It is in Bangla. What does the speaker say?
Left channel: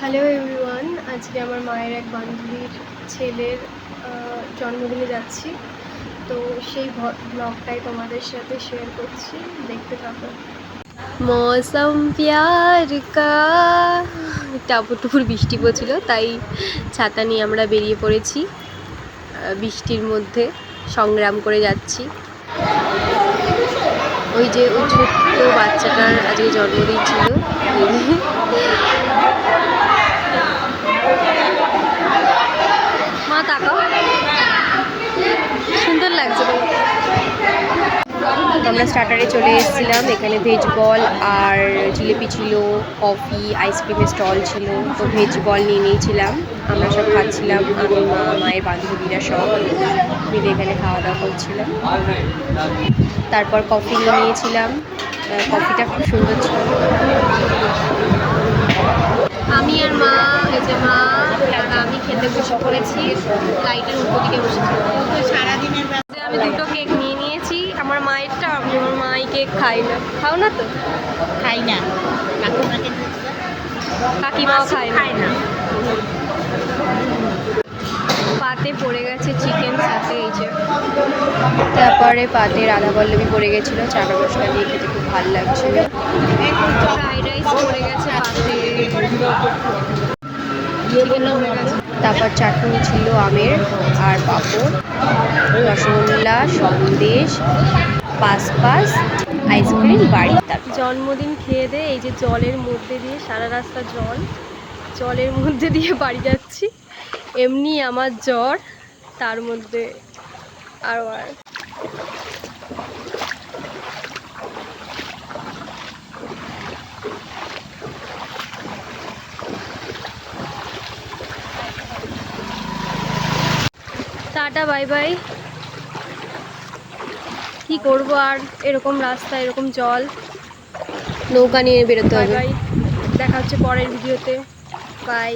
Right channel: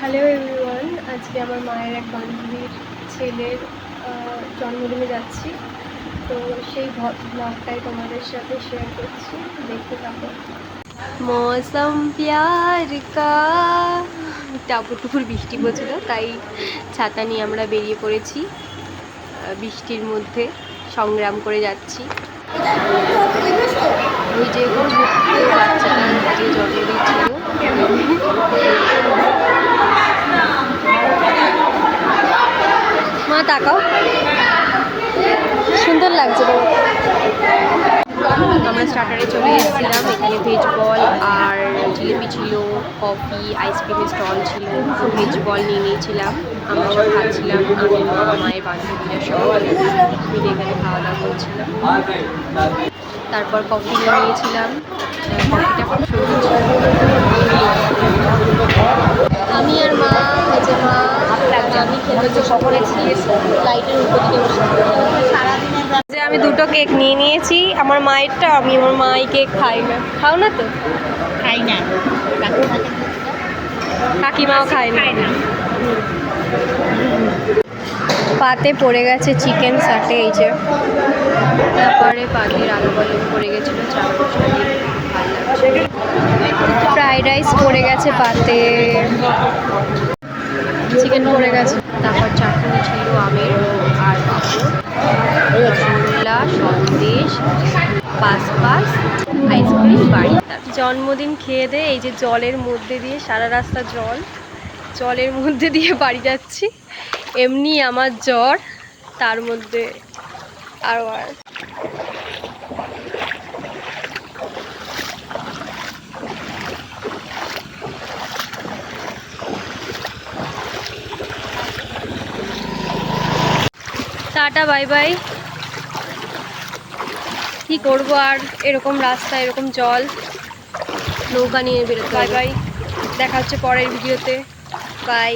হ্যালো এভরিওয়ান, আজকে আমার মায়ের এক বান্ধবীর ছেলের জন্মদিনে যাচ্ছি। তো সেই ব্লগটাই তোমাদের সাথে শেয়ার করছি, দেখতে থাকো। মৌসম প্যার কা টাপুর টুপুর বৃষ্টি পড়ছিল, তাই ছাতা নিয়ে আমরা বেরিয়ে পড়েছি। বৃষ্টির মধ্যে সংগ্রাম করে যাচ্ছি। ওই যে ওই ছোট্ট বাচ্চাটার আজকে জন্মদিন ছিল। মা তাকাও, সুন্দর লাগছে তোমাকে। আমরা স্টার্টারে চলে এসেছিলাম। এখানে ভেজ বল আর জিলিপি ছিল, কফি, আইসক্রিমের স্টল ছিল। তো ভেজ বল নিয়ে নিয়েছিলাম, আমরা সব খাচ্ছিলাম। আমি, মা, মায়ের বান্ধবীরা সব মিলে এখানে খাওয়া দাওয়া করছিলাম। তারপর কফি নিয়ে নিয়েছিলাম, কফিটা খুব সুন্দর ছিল। আমি আর মা, আমি খেতে বসে পড়েছি লাইটের উপর দিকে বসে। সারাদিনের যে আমি দুটো কেক নিয়ে নিয়েছি, আমার মায়েরটা। আমি আমার মাই কেক খাই না। খাও না তো? খাই না, কাকিমাও খায় না। পাতে পড়ে গেছে চিকেন সাথে, এই যে। তারপরে পাতে রাধা পল্লবী পড়ে গেছিলো, চানা মশলা দিয়ে খেতে খুব ভালো লাগছে। ফ্রাইড রাইস পড়ে গেছে পাতে, চিকেন পড়ে গেছে। তারপর চাটনি ছিল আমের আর পাঁপড়, রসগোল্লা, সন্দেশ, পাস আইসক্রিম বাড়ি। জন্মদিন খেয়ে দিয়ে এই যে জলের মধ্যে দিয়ে, সারা রাস্তা জলের মধ্যে দিয়ে বাড়ি যাচ্ছি। এমনি আমার জ্বর, তার মধ্যে আর টাটা বাই বাই। কি করবো আর, এরকম রাস্তা, এরকম জল, নৌকা নিয়ে বেরোতে হবে। বাই বাই, দেখা হচ্ছে পরের ভিডিওতে। বাই।